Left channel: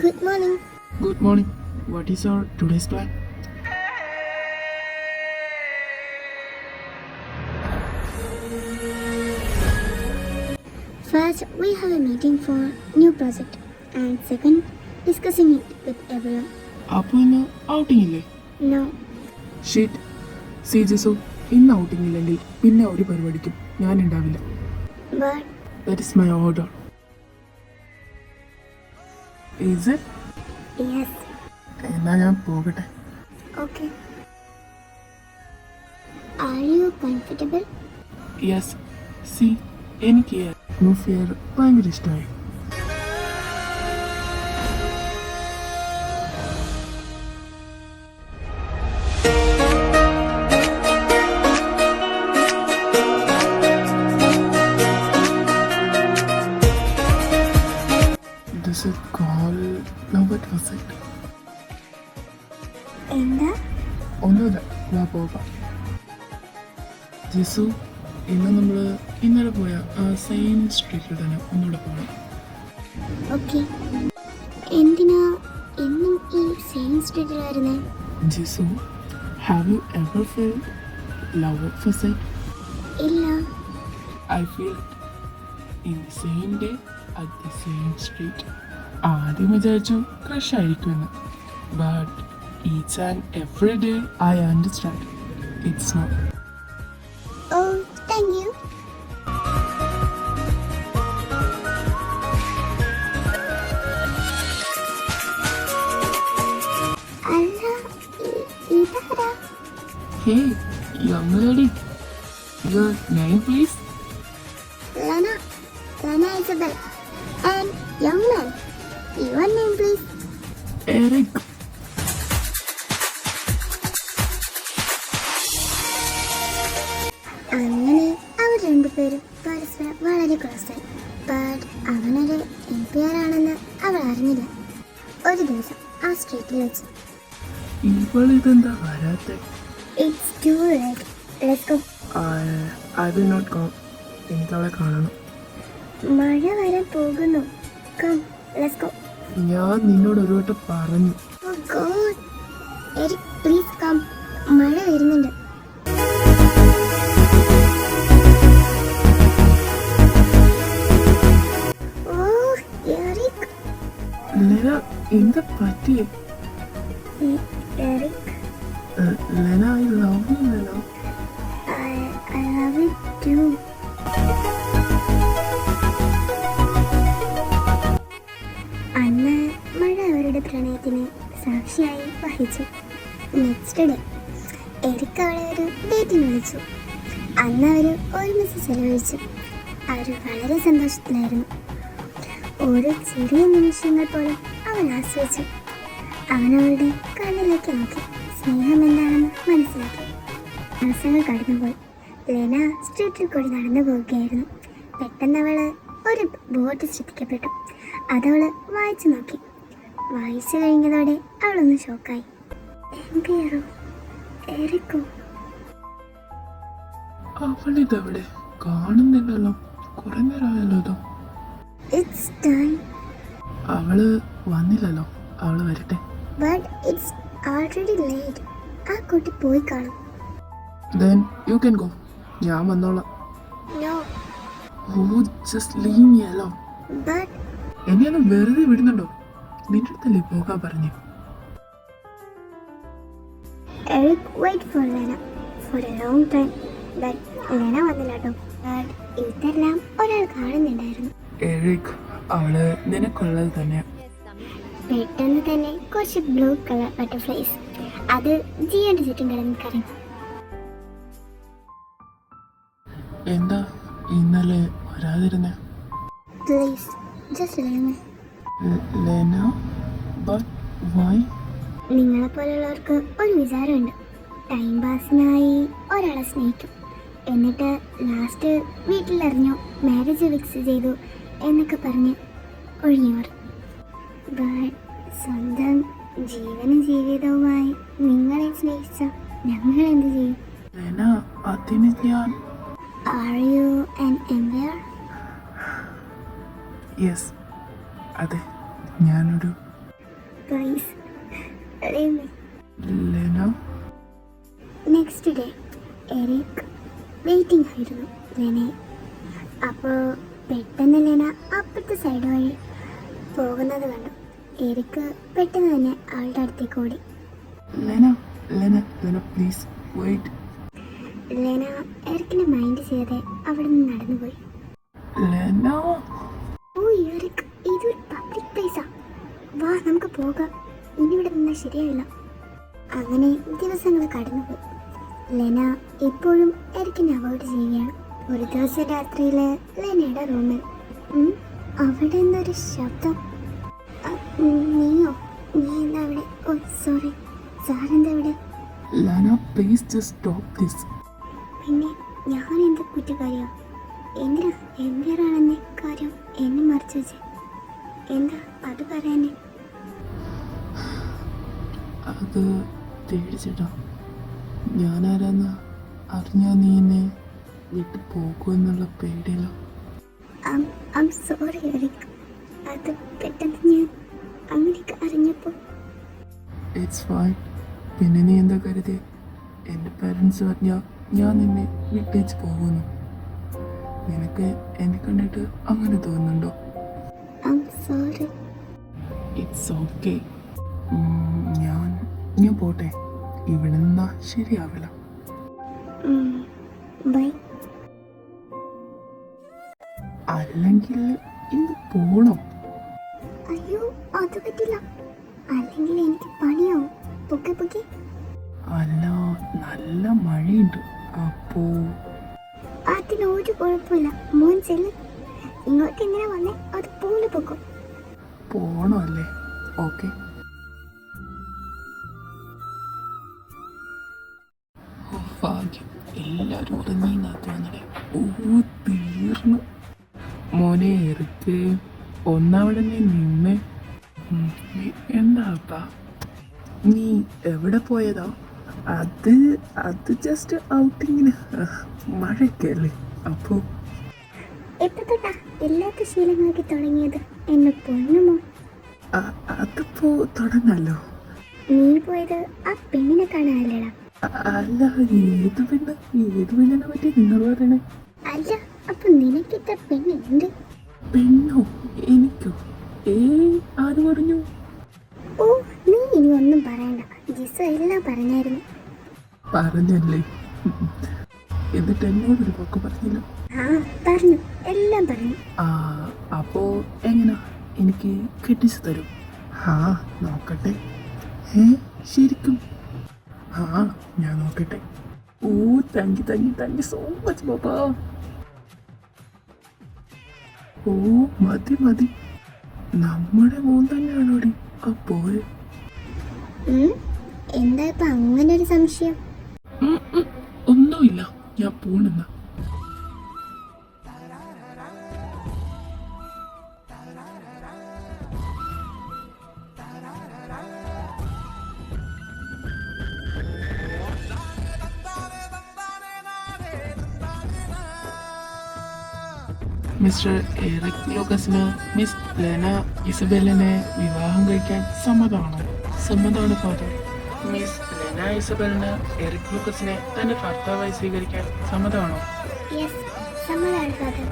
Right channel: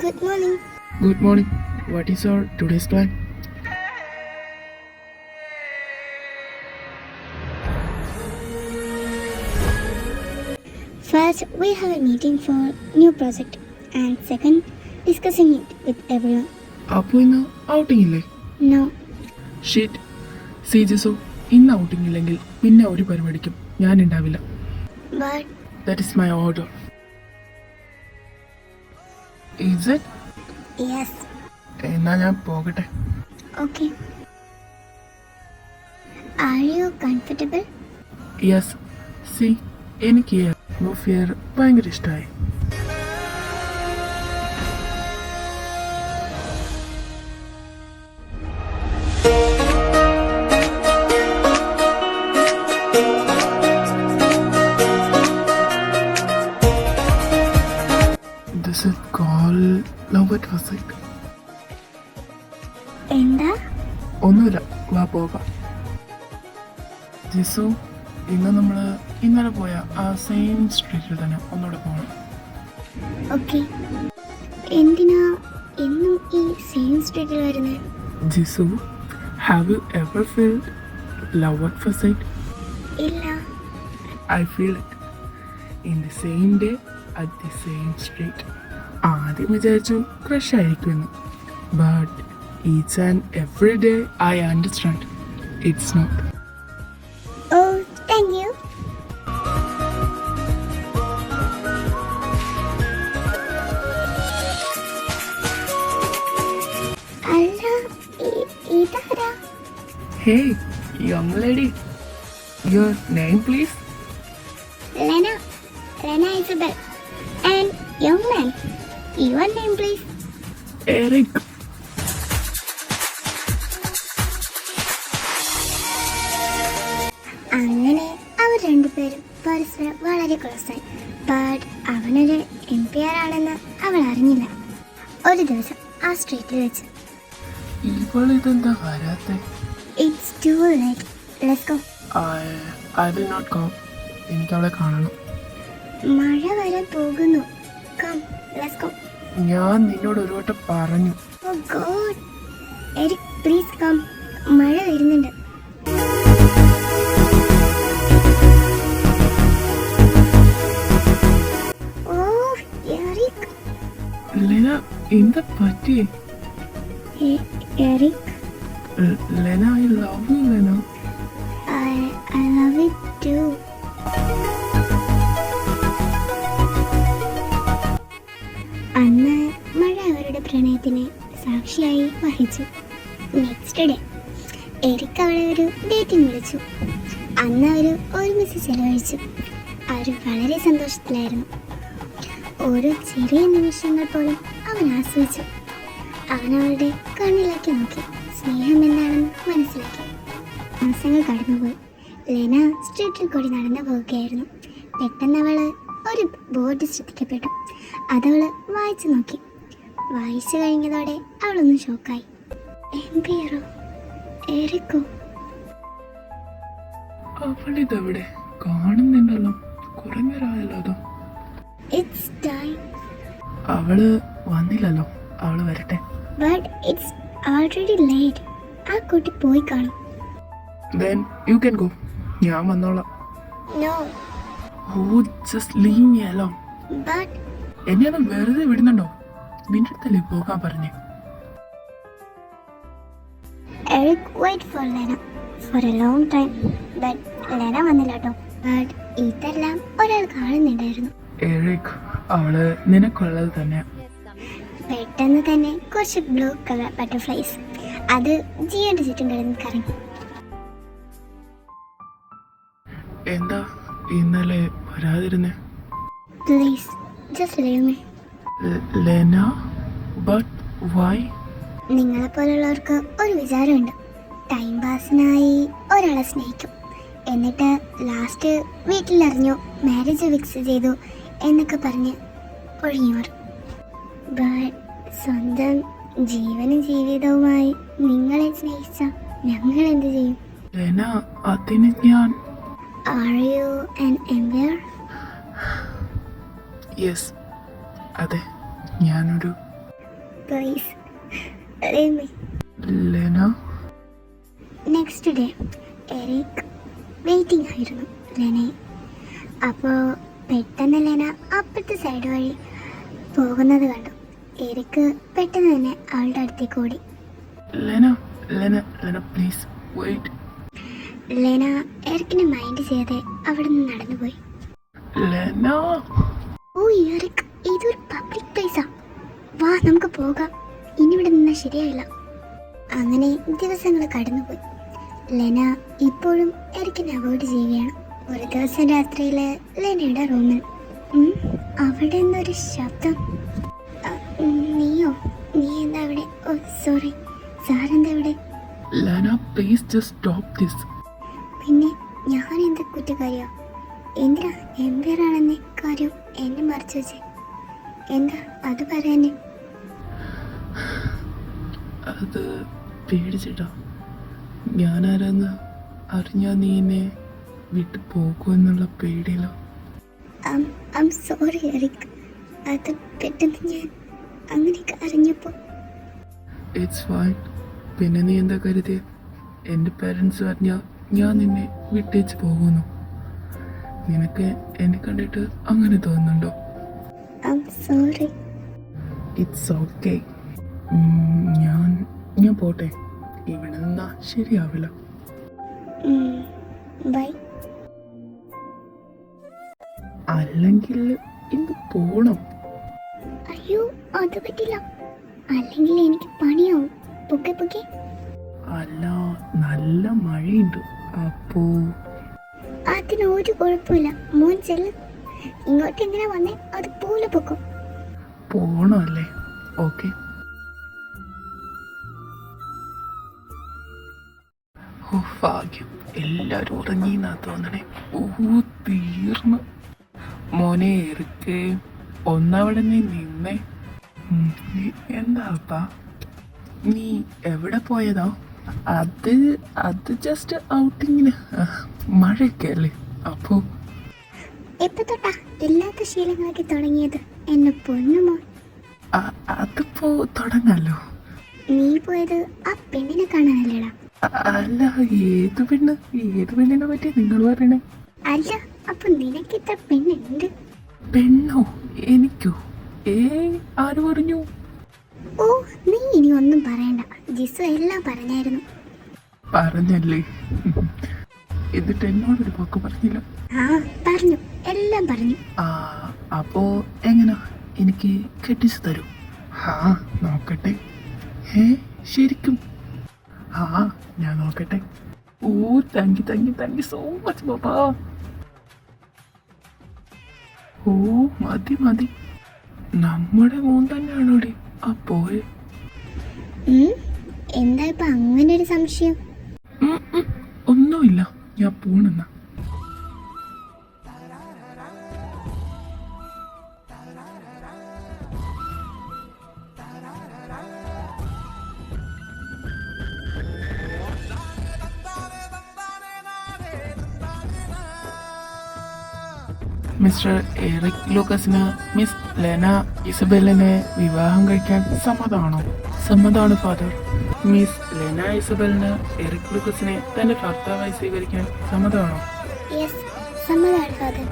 Good morning. Good morning. What is our today's plan? First, we have a meeting for new project, and second, discussing it with everyone. അപ്പോൾ ഇന്ന് outing ഇല്ലേ? No, sheet C ജസു, ഇന്ന് outing ഇല്ലെങ്കിൽ പിന്നെ ഒരു പരിപാടിക്കും ഞാൻ ഉണ്ടാവില്ല. but that is my order. Is it? yes, എന്നാൽ ഞാൻ പോകട്ടെ. okay. Are you comfortable? Yes. C, എനിക്ക് പ്രൂഫ് ഫിയർ ഭയങ്കര ഇഷ്ടമായി. This is called love at first sight. എന്താ? ഒന്നുമില്ല, വാ പോകാം. ജിസു, ഇന്ന് നമ്മൾ ഇന്നലെ പോയ ആ സെയിം സ്ട്രീറ്റിൽ തന്നെ ഒന്നുകൂടെ പോകണം. Okay. എന്തിനാ എന്നും ഈ സെയിം സ്ട്രീറ്റിൽ വരുന്നത്? Jisu, have you ever feeled love at first sight? ഇല്ല. I feel it in the same day at the same street. ആദ്യം വിചാരിച്ചു ക്രഷ് ആയിരിക്കുമെന്ന്, but each and every day I understand it's not. Oh, thank you. അല്ല, ഇതാരാ? Hey young lady, your name please? Lena. Lena Isabel. And young man, your name please? Eric. അങ്ങനെ അവർ രണ്ടുപേരും പരസ്പരം വളരെ ക്ലോസായി. ബട്ട് അവനൊരു NPR ആണെന്ന് അവൾ അറിഞ്ഞില്ല. ഒരു ദിവസം ആ സ്ട്രീറ്റിൽ വെച്ച്. ഇവളിതെന്താ വരാത്തെ? It's too late, let's go. I will not go. എനിക്ക് അവളെ കാണണം. മഴ വരാൻ പോകുന്നു. Come, let's go. ഞാൻ നിന്നോട് ഒരു വട്ടം പറഞ്ഞു. Oh God. Eric, please come. മഴ വരുന്നുണ്ട്. Oh, Eric. ലെന, എന്താ പറ്റിയേ? Eric, Lena, I love you Lena. I love you too. അന്ന് മഴ അവരുടെ പ്രണയത്തിന് സാക്ഷിയായി വഹിച്ചു. നെക്സ്റ്റ് ഡേ എരിക്ക് അവളെ ഒരു ഡേറ്റിന് വിളിച്ചു. അന്ന് അവർ ഒരുമിച്ച് ചെലവഴിച്ചു. അവർ വളരെ സന്തോഷത്തിലായിരുന്നു. ഓരോ ചെറിയ നിമിഷങ്ങൾ പോലും അവൻ ആസ്വദിച്ചു. അവൻ അവളുടെ കണ്ണിലേക്ക് നോക്കി സ്നേഹം എന്താണെന്ന് മനസ്സിലാക്കി. മാസങ്ങൾ കടന്നുപോയി. ലെന സ്ട്രീറ്റിൽ കൂടി നടന്നു പോവുകയായിരുന്നു. പെട്ടെന്ന് അവള് ഒരു ബോർഡ് ശ്രദ്ധിക്കപ്പെട്ടു. അതവള് വായിച്ചു നോക്കി. വായിച്ചു കഴിഞ്ഞതോടെ അവളൊന്ന് ഷോക്കായി. NPR എറിക്കോ? അവളിതെവിടെ? കാണുന്നില്ലല്ലോ, കുറെ നേരമായല്ലോ ഇതോ. It's time. അവള് വന്നില്ലല്ലോ, അവള് വരട്ടെ. But it's already late. ആ കുട്ടി പോയി കാണും. Then you can go. ഞാൻ വന്നോളാം. No, Oh, just leave me alone. but എന്നെ ഒന്ന് വെറുതെ വിടുന്നുണ്ടോ? നിന്റെ അടുത്തല്ലേ പോകാൻ പറഞ്ഞേ? Eric wait for Lena for a long time. But Lena വന്നില്ല കേട്ടോ. But ഇതെല്ലാം ഒരാൾ കാണുന്നുണ്ടായിരുന്നു. എറിക്, അവള് നിനക്കുള്ളത് തന്നെ. പെട്ടെന്ന് തന്നെ കുറച്ച് ബ്ലൂ കളർ ബട്ടർഫ്ലൈസ് അത് ജിയുടെ ചുറ്റും കിടന്ന് കറങ്ങി. എന്താ ഇന്നലെ വരാതിരുന്നേ? Please just leave me. Lena, but why? നിങ്ങളെപ്പോലുള്ളവർക്ക് ഒരു വിചാരമുണ്ട്. ടൈം പാസിനായി ഒരാളെ സ്നേഹിക്കും, എന്നിട്ട് ലാസ്റ്റ് വീട്ടിലറിഞ്ഞു മാരേജ് ഫിക്സ് ചെയ്തു എന്നൊക്കെ പറഞ്ഞ് ഒഴിഞ്ഞു മാറും. ബട്ട് സ്വന്തം ജീവനും ജീവിതവുമായി നിങ്ങളെ സ്നേഹിച്ച ഞങ്ങൾ എന്ത് ചെയ്യും? ലെന, അതിന് ഞാൻ. Are you an NPR? Yes, അതെ, ഞാനൊരു please leave me. Lena next day Eric waiting ആയിരുന്നു ലെനയെ. അപ്പോൾ പെട്ടെന്ന് ലെന അപ്പുറത്തെ സൈഡ് വഴി പോകുന്നത് കണ്ടു. എറിക്ക് പെട്ടെന്ന് തന്നെ അവളുടെ അടുത്തേക്ക് ഓടി. Lena Lena Lena please wait. Lena എറിക്കിനെ മൈൻഡ് ചെയ്യാതെ അവിടെ നിന്ന് നടന്നുപോയി. ലെന ഓ എറിക്, ഇതൊരു പബ്ലിക് പ്ലേസാ, വാ നമുക്ക് പോകാം, ഇനി ഇവിടെ നിന്നാൽ ശരിയായില്ല. അങ്ങനെ ദിവസങ്ങൾ കടന്നുപോയി. ലെന ഇപ്പോഴും എറിക്കിനെ അവോയ്ഡ് ചെയ്യുകയാണ്. ഒരു ദിവസം രാത്രിയിൽ ലെനയുടെ റൂമിൽ അവിടെ നിന്നൊരു ശബ്ദം. നീയോ? നീ എന്താ ഇവിടെ? ഓ സോറി, സാറെന്താ ഇവിടെ? Lena please just stop this. പിന്നെ ഞാൻ എന്താ കുറ്റക്കാരിയോ? എന്തിനാ എംപയറാണെന്ന കാര്യം എന്നെ മറിച്ച് വെച്ചേ? എന്താ അത് പറയാനേ? അത് പേടിച്ചിട്ടാ. ഞാനാരാന്ന് അറിഞ്ഞാ നീ എന്നെ വിട്ടു പോകുമെന്നുള്ള പേടിയില്ല. ഐം സോറി എറിക്, അത് പെട്ടെന്ന് ഞാൻ അങ്ങനെയൊക്കെ അറിഞ്ഞപ്പോൾ. It's fine. പിന്നെ നീ എന്താ കരുതി എൻ്റെ പേരൻസ് പറഞ്ഞാൽ ഞാൻ നിന്നെ വിട്ടേച്ച് പോകുന്നു? നിനക്ക് എന്നെ കണ്ടിട്ട് അങ്ങനെ തോന്നുന്നുണ്ടോ? I'm sorry. It's okay. ഞാൻ പോട്ടെ, ഇവിടെ നിന്നാ ശരിയാവില്ല. ബൈ. അല്ലെങ്കിൽ ഇന്ന് പോണം. അയ്യോ അത് പറ്റില്ല, അല്ലെങ്കിൽ എനിക്ക് പണിയാവും. പൊക്കെ പൊക്കെ. അല്ല, നല്ല മഴയുണ്ട്. അപ്പോ അതിന് ഒരു കുഴപ്പമില്ല, മോൻ ചെല്ല്. ഇങ്ങോട്ട് എങ്ങനെ വന്നേ അതുപോലെ പൊക്കും. പോണല്ലേ? ഓക്കെ. ഓ ഭാഗ്യം, എല്ലാരും ഉറങ്ങിന്നാ തോന്നണേ. ഓ തീർന്നു. മോനെ ഇറക്ക്, ഒന്നവിടെ നീ നിന്നേ. എന്താപ്പാ നീ എവിടെ പോയതാ? അത് ജസ്റ്റ് ഔട്ടിങ്ങിന്. മഴയൊക്കെ അല്ലേ, അപ്പോ എപ്പോ തൊട്ടാ എല്ലാത്ത ശീലങ്ങളൊക്കെ തുടങ്ങിയത് എന്നെ പൊന്നുമോ? അതിപ്പോ തുടങ്ങാലോ. നീ പോയത് ആ പെണ്ണിനെ കാണാനല്ലേടാ? അല്ല, ഏത് പെണ്ണിനെ പറ്റി നിങ്ങൾ പറയണേ? അല്ല, അപ്പൊ നിനക്ക് ഇത്ര പെണ്ണുണ്ട്? പെണ്ണോ? എനിക്കോ? ആര് പറഞ്ഞു? ഓ നീ ഇനി ഒന്നും പറയണ്ട, ജിസു എല്ലാം പറഞ്ഞായിരുന്നു. പറഞ്ഞല്ലേ? എന്നിട്ട് എന്നോടൊരു പോക്ക് പറഞ്ഞില്ല? ആ പറഞ്ഞു, എല്ലാം പറഞ്ഞു. അപ്പോ എങ്ങനെ എനിക്ക് കെട്ടിച്ചു തരും? നോക്കട്ടെ. ശരിക്കും? ഞാൻ നോക്കട്ടെ. ഓ താങ്ക് യു സോ മച്ച് ബാബാ. ഓ മതി, നമ്മുടെ മോൻ തന്നെയാണോടി അപ്പോയെ? എന്താ ഇപ്പൊ അങ്ങനെ ഒരു സംശയം? ഒന്നുമില്ല, ഞാൻ പോണെന്നാ. മിസ്റ്റർ എറിക് ലൂക്കസിന് മിസ് ലെന ഇസബെല്ലിനെ വിവാഹം കഴിക്കാൻ സമ്മതമാണോ? സമ്മതമാണ് ഫാദർ. മിസ് ലെന ഇസബെല്ലിന് എറിക് ലൂക്കസിനെ തന്റെ ഭർത്താവായി സ്വീകരിക്കാൻ സമ്മതമാണോ? യെസ്, സമ്മതമാണ് ഫാദർ.